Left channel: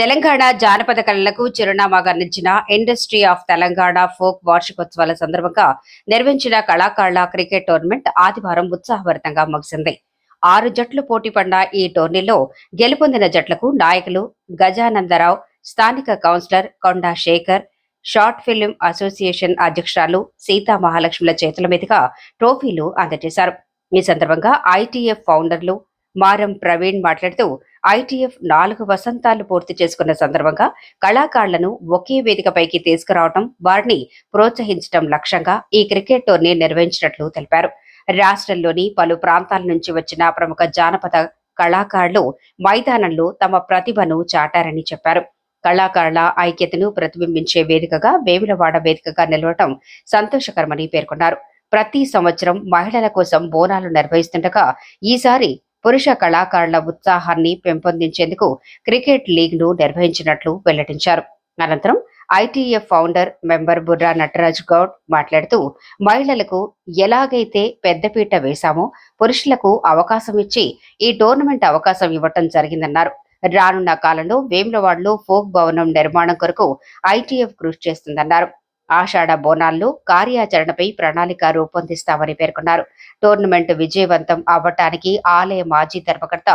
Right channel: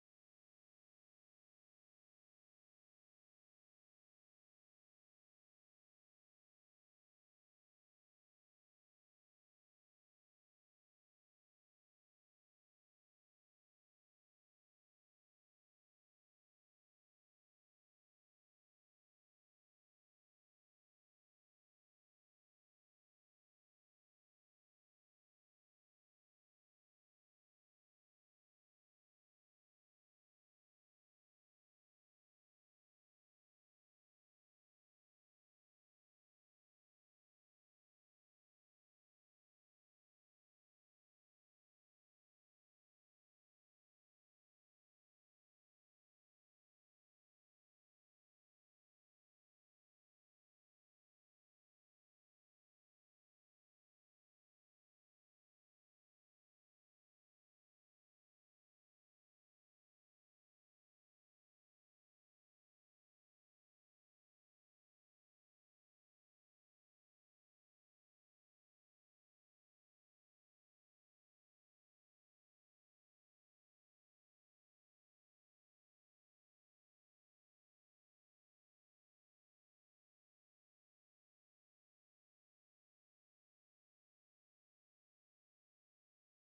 తెలంగాణ జానపద కళలకు చిరునామాగా నిలిచిన ఇండస్ట్రీ ఆఫ్ తెలంగాణ ఫోక్ వార్షికోత్సవాల సందర్భంగా నిర్వహించిన కళాకారుల క్రికెట్ టోర్నమెంట్ ఆదివారం ఉత్సాహభరితంగా ముగిసింది. 6 జట్లు పోటీ పడిన ఈ టోర్నీలో గెలుపొందిన జట్లకు నాయకులు గజానందరావు, స్థానిక కౌన్సిలర్ కొండా శేఖర్, షార్ట్ ఫిల్మ్ అసోసియేషన్ అధ్యక్షురాలు సీతా మహాలక్ష్మిల చేతుల మీదుగా ట్రోఫీలు అందజేశారు. ఈ సందర్భంగా ఐటీఎఫ్ ఫౌండర్లు మారం ప్రవీణ్ మాట్లాడుతూ ఐటీఎఫ్ 4 వసంతాలు పూర్తి చేసుకున్న సందర్భంగా కళాకారులను ఒకే వేదికపైకి తీసుకురావడం, వారిని ప్రోత్సహించడం లక్ష్యంగా ఈ క్రికెట్ టోర్నీ నిర్వహించినట్లు తెలిపారు. రాష్ట్రంలోని పలు ప్రాంతాల నుంచి వచ్చిన ప్రముఖ జానపద కళాకారులు మైదానంలో తమ ప్రతిభను చాటారని చెప్పారు. కళాకారుల ఐక్యతను ప్రతిబింబించే వేదికగా వేములవాడ వేదికగా నిలవడం సంతోషకరమని పేర్కొన్నారు. ప్రతి సంవత్సరం మహిళల కోసం బోనాలు నిర్వహిస్తుండగా ఈసారి పురుష కళాకారుల ఉత్సాహాన్ని పెంపొందించేందుకు క్రికెట్ లీగ్ ను నిర్వహించినట్లు వెల్లడించారు. అనంతరం ITF founder member Burra Nataraj Goud మాట్లాడుతూ మహిళలకు ఎలాగైతే పెద్దపీట వేశామో పురుషులకు అవకాశం ఇచ్చి ఈ టోర్నమెంట్ అవకాశం ఇవ్వటం జరిగిందన్నారు. రానున్న కాలంలో వేములవాడలో ఫోక్ భవనం నిర్మాణం కొరకు ఐటీఎఫ్ కృషి చేస్తుందన్నారు. ఆషాఢ బోనాల్లో కార్యాచరణపై ప్రణాళిక రూపొందిస్తామని పేర్కొన్నారు. టోర్నమెంట్ విజయవంతం అవ్వటానికి ఆలయ మాజీ ధర్మకర్త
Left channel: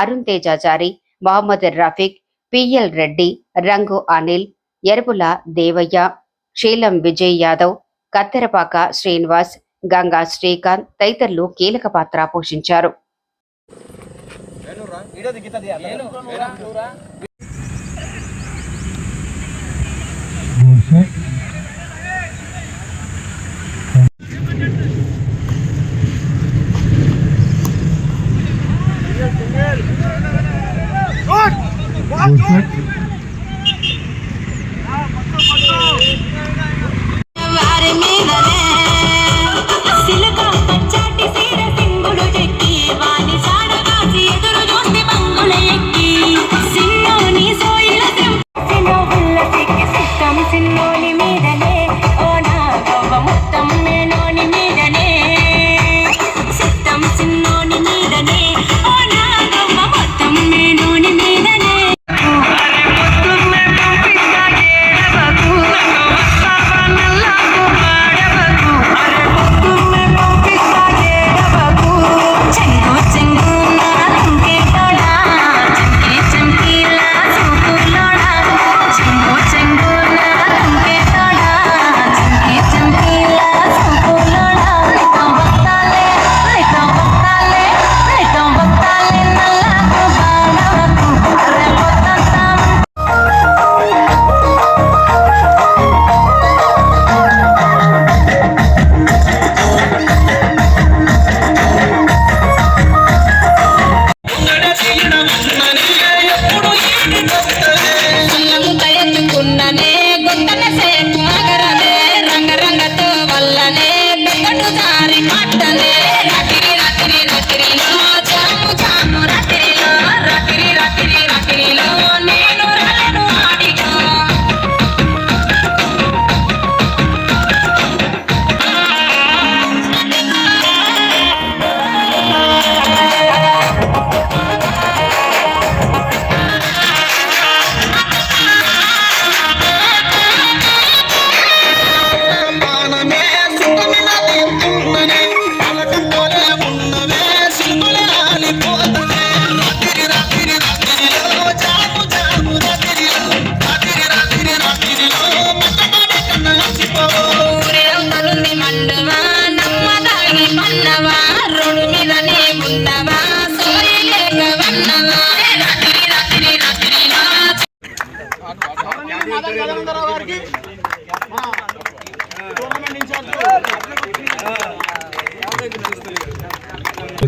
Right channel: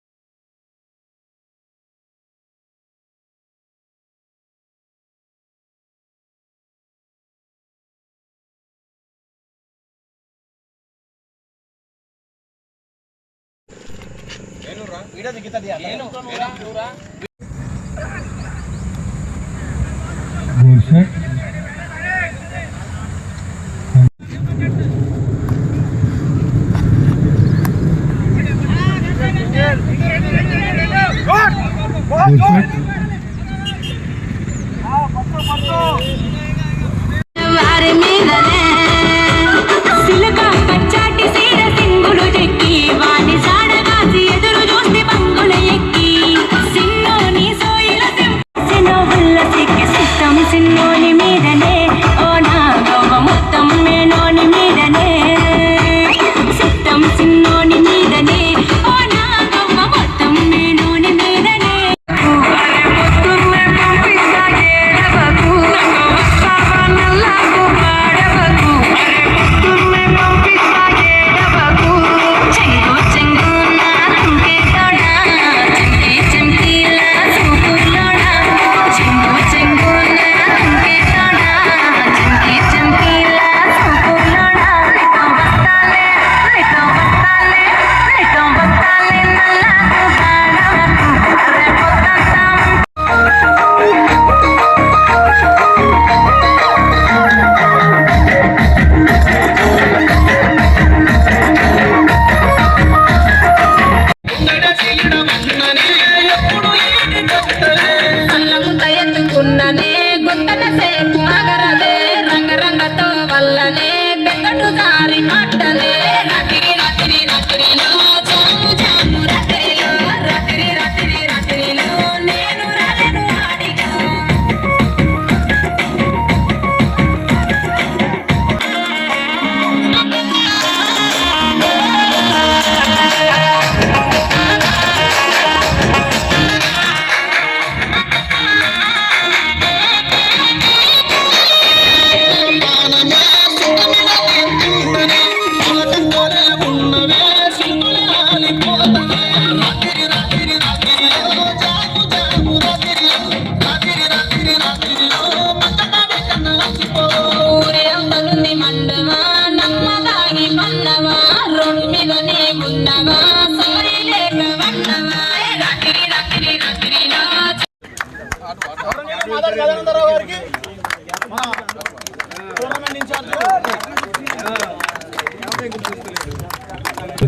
అరుణ్ తేజాచారి, మహమ్మద్ రఫీక్, పిఎల్ రెడ్డి, రంగు అనిల్, ఎరుపుల దేవయ్య, శీలం విజయ్ యాదవ్, కత్తెరపాక శ్రీనివాస్, గంగా శ్రీకాంత్ తదితరులు కీలక పాత్ర పోషించారు.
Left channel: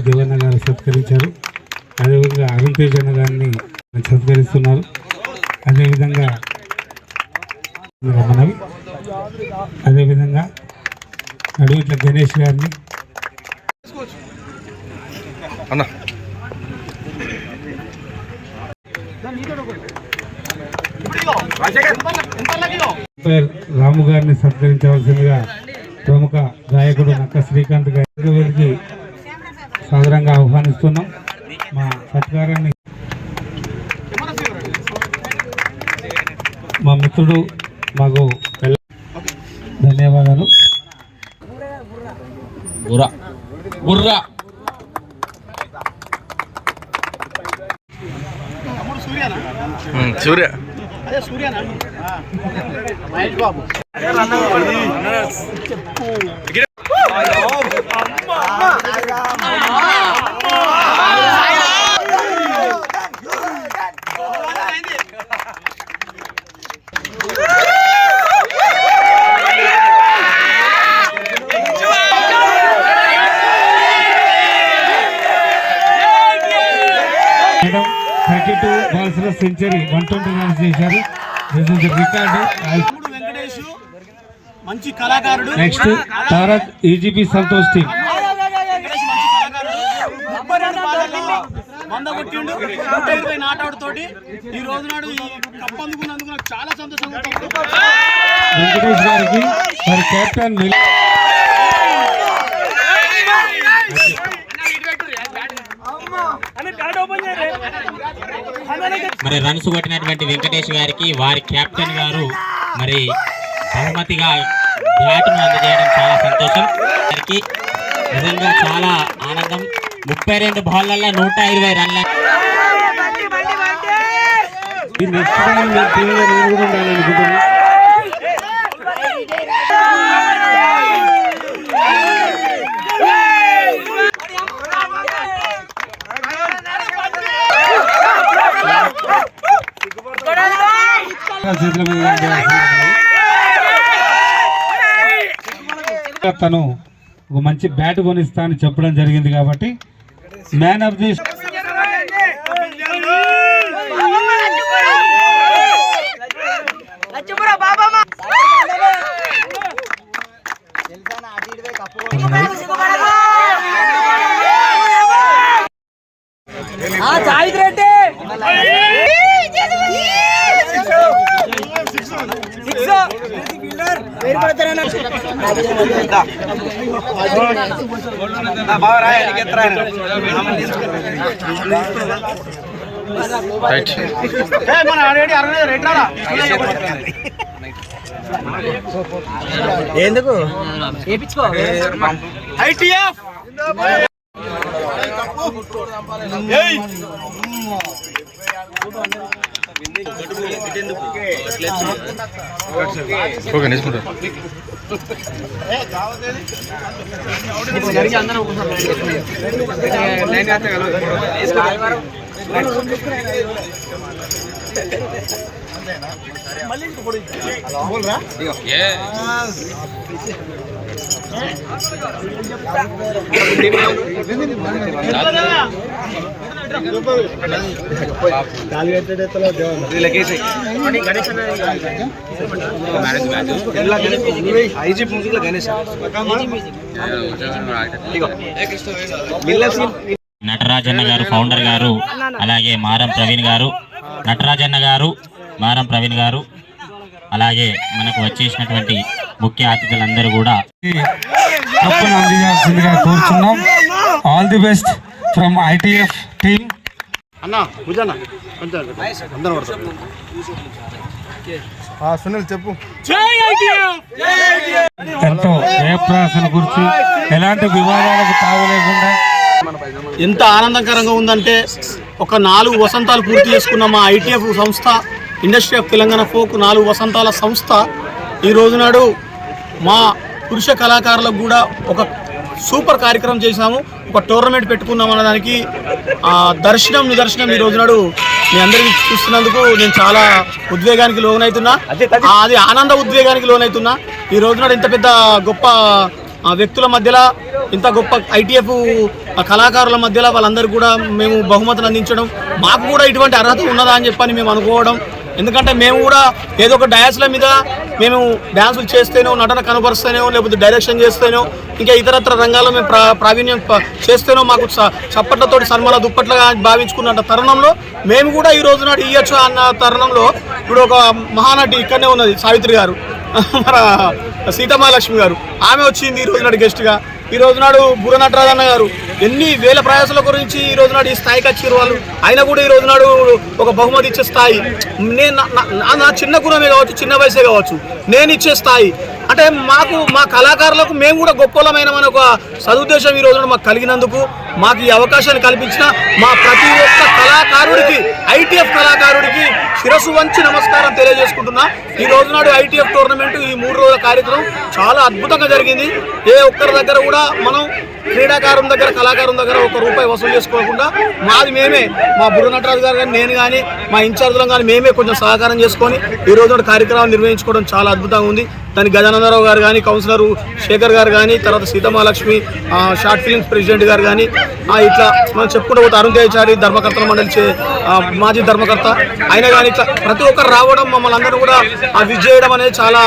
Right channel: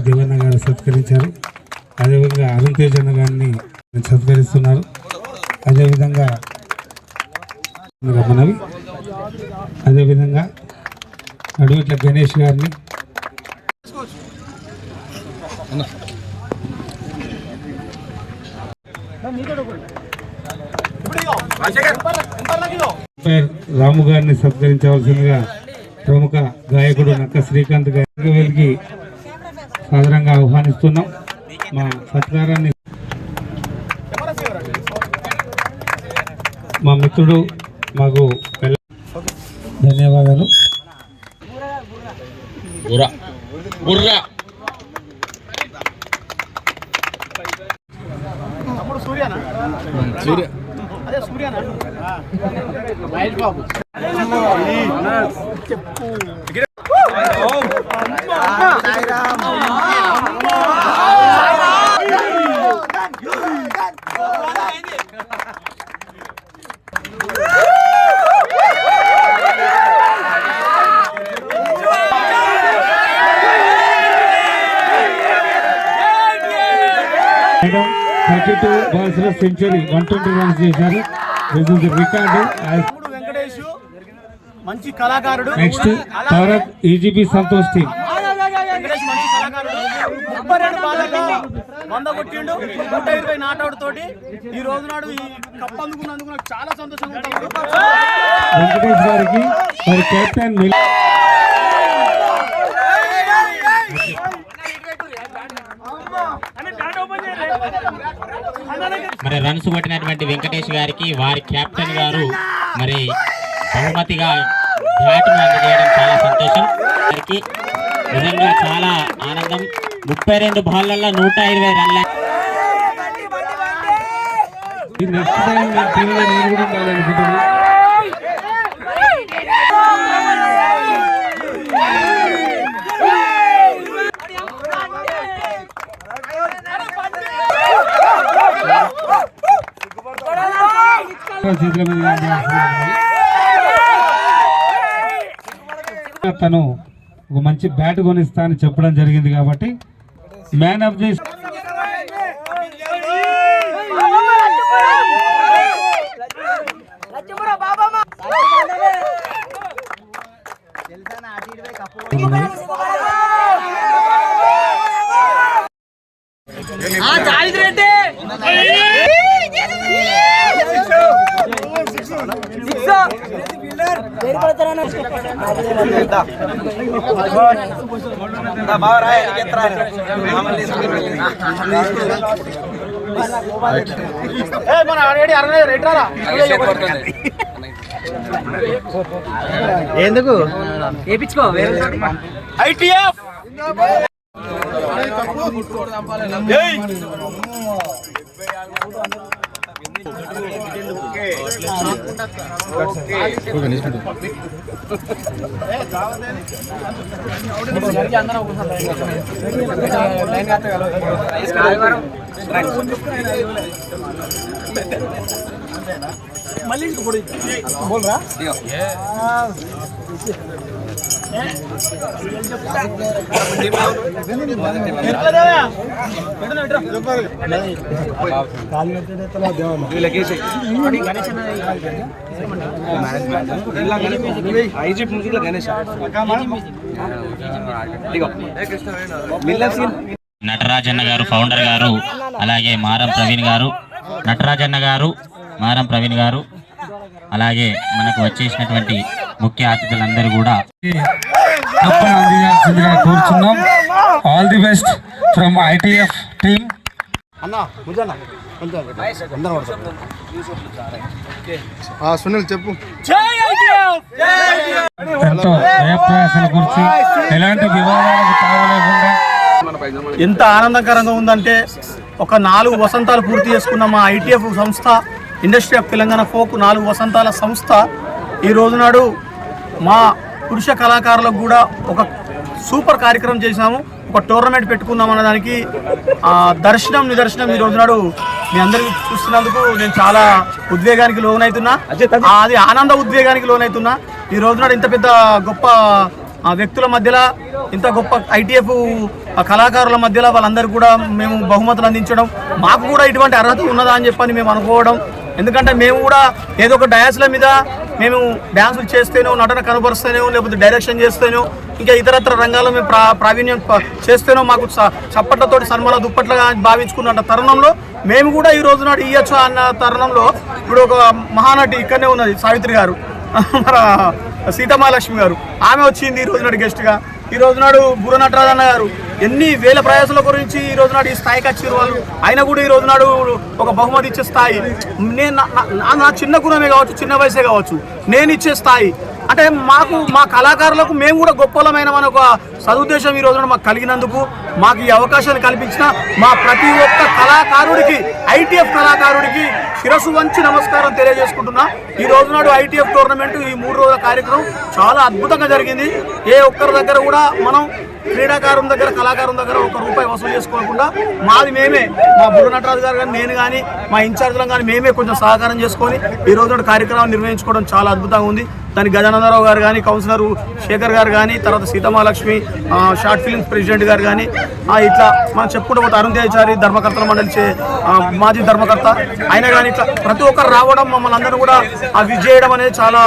దేవన్న గారు సత్కరించారు. అదేవిధంగా అరుణ్ తేజన్న గారిని సత్కరిస్తున్నారు. అదేవిధంగా మనవి అదేవిధంగా అడవిట్ల గణేష్ గారిని రాము గారిని సత్కరించవలసిందిగా ప్రముఖ గాయకుడు నక్క శ్రీకాంత్ గారికి సాదరంగా ఆహ్వానిస్తున్నాం. మా సత్కారాన్ని మా మిత్రుడు మాకు ధన్యవాదాలు. సూర్య Mahesh Babu madam 32 బాల్స్లో century 120 runs చేశారు. రికార్డు. వెంకటేష్ మంచి కళాకారుడు. Next Tarak EGP Santosh team. Venkatesh మంచి కళాకారుడు. 32 బాళ్ళలో 100 కొట్టిండు. 120 నాటౌట్ తోటి ఈ రోజు నాడు ఈ కప్ అందుకున్నందుకు నాకు చాలా సంతోషంగా ఉంది. వెంకటేష్ గారికి మరి కెప్టెన్ మరి రన్స్ కొట్టినటువంటి వెంకటేష్ గారికి వారి కెప్టెన్ గారు మరి బహుమతిగా బ్యాట్ను అందజేయడం చాలా సంతోషం. గారికి నిజంగా చాలా ఆనందం. 32 బాళ్ళల్లో 120 రన్ల. నెక్స్ట్ టైం నేను కూడా ఉండాలనుకుంటున్నాను. తను ఒక మంచి బ్యాట్ కొనిస్తా అని చెప్పడం జరిగింది కాబట్టి మ్యాన్ ఆఫ్ ది ఎందుకు వేయించుకో ఐటీఎఫ్ ఓకే నేర్చుకుంటారు. నటరాజన్న గారు ఫౌండర్ గారు, అలాగే మారం ప్రవీణ్ గారు, నటరాజన్న గారు, మారం ప్రవీణ్ గారు, అలాగే మనకు వచ్చేసినటువంటి ముఖ్య అతిథులందరూ కూడా అందించాల్సిందిగా కోరుచున్నాం. All the best from ITF team. Sunil చెప్పు. ఎంతో జయప్రయాసల గురించి ఎలాంటి వివాదాలకు తావలేకుండా ఎంత ఆనందకరంగా ఉందంటే ఒక 4 వసంతాలు పూర్తి చేసుకున్న మా ఐటీఎఫ్ సంస్థ, ఇండస్ట్రీ ఆఫ్ తెలంగాణ ఫోక్ 4 వసంతాల సంస్థ ఈ రోజు నాడు మా పురుష కళాకారులకు కూడా ఒక సూపర్ కార్యక్రమం చేశాము. ఒక టోర్నమెంట్ పెట్టుకున్నాం అన్న దానికి నిదర్శనం ఈ రోజు నాడు మీ అందరికీ చూస్తున్నందుకు నేను చాలా ఉద్వేగానికి లోనవుతున్నా. అది ఆనంద ఉద్వేగానికి లోనవుతున్నా. ఈ రోజు నాడు ఇంత పెద్ద గొప్ప వ్యక్తుల మధ్యలో, ఇంత గొప్ప ఐటీఎఫ్ కళాకారుల మధ్యలో వాళ్ళందరూ కూడా మేము బహుమతులు అందించడం, మాకు కూడా ఇటువంటి అర్హత ఉన్నదా అని చెప్పని మేము అనుకోవడం. ఎందుకంటే మేము కూడా ఏదో ఒక డయాస్ల మీద మేము డ్యాన్సులు చేస్తేనో, నటన కనబరుస్తేనో, లేకపోతే డైరెక్షన్ చేస్తేనో, ఇంకా ఇతరత్ర రంగాల్లో మేము ప్రావీణ్యం చేస్తేనో మాకు చప్పట్లతోటి సన్మాన దుప్పట్లుగా భావించుకున్న తరుణంలో మేము కూడా ఈ రోజు నాడు ఇవ్వచ్చు అన్న తరుణంలో ఇప్పుడు ఒక మహానటి ఇక్కడనే ఉన్నది, సావిత్రి గారు, మన సీతమహాలక్ష్మి గారు, ఆమె వచ్చింది ఈ రోజు నాడు గెస్ట్గా. ఈ రోజు నాడు బుర్ర నటరాజన్న గారు ఎన్ని వేల ప్రయాసాల గురించి ఈ రోజు నాడు ఈ స్థాయికి వచ్చారు వాళ్ళు. అయినా కూడా ఈ రోజు నాడు ఒక బహుమతి ఇచ్చే స్థాయి, నేను నా చిన్న గుణమే కావచ్చు, చిన్న వయసే కావచ్చు, నేను ఇచ్చే స్థాయి అంటే మాకు మా కళాకారులకు మేము కూడా గొప్పలమైన మన ఒక సదుద్దేశం ఈ రోజున మాకు కలిగినందుకు, మాకు ఈ అవకాశాన్ని కల్పించిన మా ప్రతి ఒక్క కళాకారుడికి, ఐటీఎఫ్ కళాకారుడికి శిరస్సు వంచి నమస్కారం తెలియజేసుకుంటున్నా. ఈ రోజు నాడు ఐటీఎఫ్ టోర్నమెంట్ ఈ 3 రోజుల కార్యక్రమం చాలా అద్భుతంగా జరిగింది. ఏ ఒక్కరి దగ్గర కూడా మనం క్రీడాకారుని దగ్గర, కళాకారుని దగ్గర ₹1 వసూలు చేసుకోకుండా మాది మేమే, మా బుర్ర నటరాజు గారు కానీ, నేను కానీ, మా ఇన్ఛార్జ్లను కానీ మేమే కొంచెం సహకారం చేసుకొని ఈ రోజు కార్యక్రమాలు నిర్వహించుకోవడం చాలా అద్భుతంగా ఉంది. దానికి గజానందరావు గారు కానీ, కౌన్సిలర్ శేఖర్ గారు కానీ, తర్వాత సీతమహాలక్ష్మి షార్ట్ ఫిల్మ్స్ ప్రెసిడెంట్ గారు కానీ, ఇట్లా మనం చెప్పుకుంటూ పోతే అరుణ్ తేజారి ధర్మకర్తల మండలి మాజీ ధర్మకర్త అయినా కానీ ఇట్లా ప్రతి ఒక్కరు రావడం, మమ్మల్ని అందరూ కూడా విజయడం అనేది చాలా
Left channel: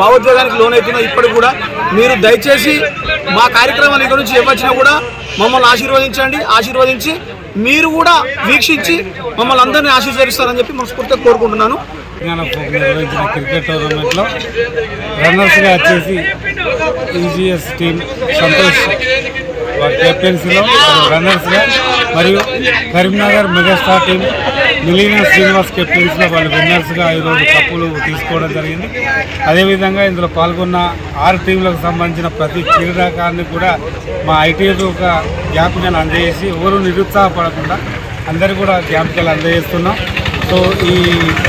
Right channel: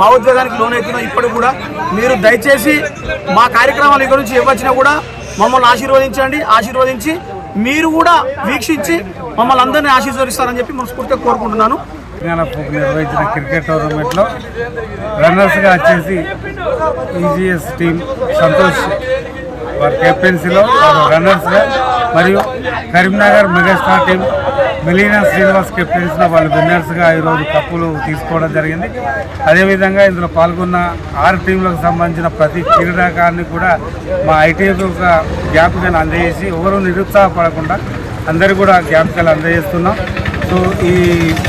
భావోద్వేగానికి లోనవుతున్నాం. ఇప్పటికి కూడా మీరు దయచేసి మా కార్యక్రమాలు ఇక్కడ నుంచి ఎవరిచ్చినా కూడా మమ్మల్ని ఆశీర్వదించి మీరు కూడా వీక్షించి మమ్మల్ని అందరినీ ఆశీర్వదిస్తారని చెప్పి మనస్ఫూర్తిగా కోరుకుంటున్నాను. తెలంగాణ ఫోక్ నిర్వహించిన క్రికెట్ టోర్నమెంట్లో రన్నర్స్గా వచ్చేసి ఈజీఎస్ టీం సంతోష్ వారి కెప్టెన్సీలో రన్నర్స్గా, మరియు కరీంనగర్ మెగాస్టార్ టీం మిలీనా శ్రీనివాస్ కెప్టెన్సీలో వాళ్ళు విన్నర్స్గా ఈరోజు కప్పులు తీసుకోవడం జరిగింది. అదేవిధంగా ఇందులో పాల్గొన్న 6 టీంలకు సంబంధించిన ప్రతి క్రీడాకారుని కూడా మా ఐటీఎఫ్ ఒక జ్ఞాపికను అందజేసి ఎవరు నిరుత్సాహపడకుండా అందరూ కూడా జ్ఞాపికలు అందజేస్తున్నాం. సో ఈ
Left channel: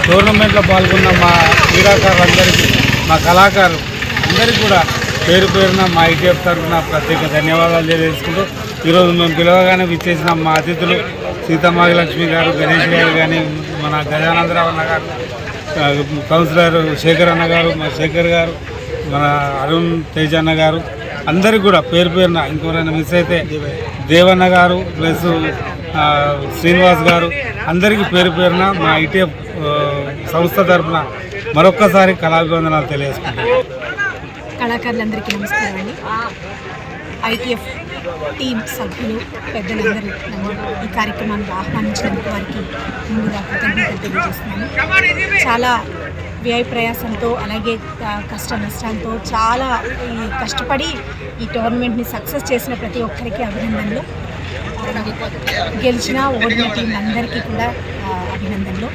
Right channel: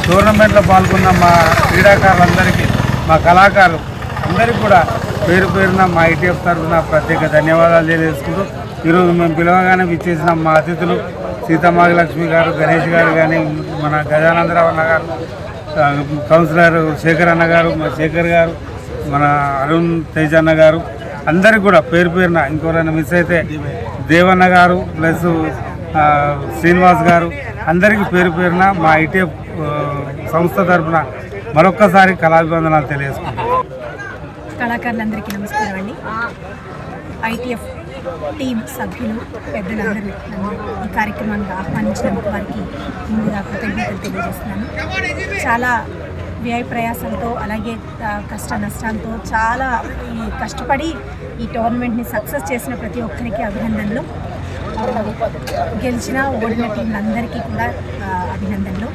టోర్నమెంట్లో పాల్గొన్న మా క్రీడాకారులందరికీ, మా కళాకారులు అందరికీ కూడా పేరు పేరున మా ఐటీఎఫ్ తరఫున ప్రత్యేక ధన్యవాదాలు తెలియజేసుకుంటూ, ఈరోజు మేము పిలవగానే విచ్చేసిన మా అతిథులు సీతమహాలక్ష్మి గారు, గణేష్ గారు కానీ, మన గజానందరావు అన్న గారు, కౌన్సిలర్ శేఖర్ అన్న గారు, మన శేఖర్ గారు, మన అరుణ్ తేజ్ అన్న గారు, అందరికీ కూడా పేరు పేరున, ఇంకోరైనా మిస్ అయితే దేవన్న గారు ప్లస్ శ్రీనివాస్ గారు, అందరికీ పేరు పేరున మా ఐటీఎఫ్ సంస్థ తరఫున మరొక్కసారి కళాభివందనాలు తెలియజేసుకుంటాం. కళాకారులందరికీ నమస్కారం అండి. ఐటీఎఫ్ టీం సభ్యులు, పెద్దలందరూ నన్ను ఈ కార్యక్రమానికి ఆహ్వానించినందుకు వారికి ముందుగా కృతజ్ఞతలు తెలియజేస్తున్నాను. చాలా వ్యయ ప్రయాసంతో, అలాగే కష్ట నష్టాలతో చాలా కష్టపడి ఈ టోర్నమెంట్ని సక్సెస్ చేసిన ప్రతి ఒక్కరికి అభినందనలు. గెలిచిన ఓడిన టీంలందరికీ కూడా అభినందనలు.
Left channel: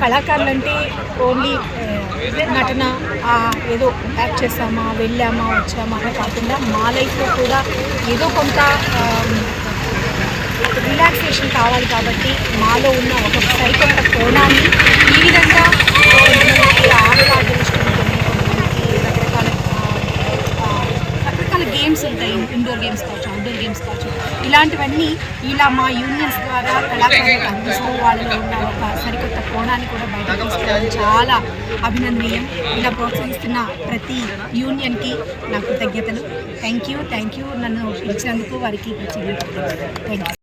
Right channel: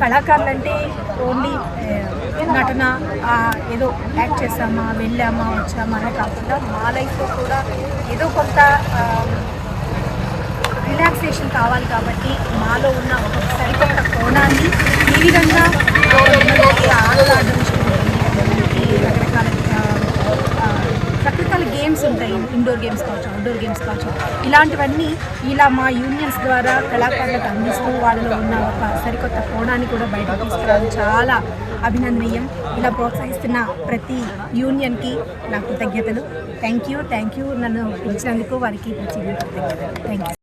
కళాకారులంటే ఓన్లీ నటన, ఏదో యాక్ట్ చేసామా, వెళ్ళామా, వచ్చామా అని కాకుండా మా లైఫ్లో కూడా ఏదో కొంత రిలాక్సేషన్ కావాలి. కాబట్టి మాలో ఉన్న ఒక సరికొత్త కోణాన్ని ఈ విధంగా కొంతమందికి ఆటలాడడం ఇష్టం ఉంటుంది, కొంతమందికి రకరకాల గేమ్స్ ఉంటాయి, ఇండోర్ గేమ్స్ కావచ్చు, అవుట్డోర్ గేమ్స్ కావచ్చు. ఇలాంటివన్నీ ఇలా మా యూనియన్స్ ద్వారా కళాకారులకు అందిస్తూ వాళ్ళలో ఉన్న ఒక సరికొత్త కోణాన్ని కూడా బయటకు తీసుకురావడం చాలా అభినందనీయం. ఇలా ప్రోత్సహిస్తున్న ప్రతి యూనియన్కి నా కృతజ్ఞతలు. Thank you. నన్ను పిలిచినందుకు వారికి కృతజ్ఞతలు. Thank you.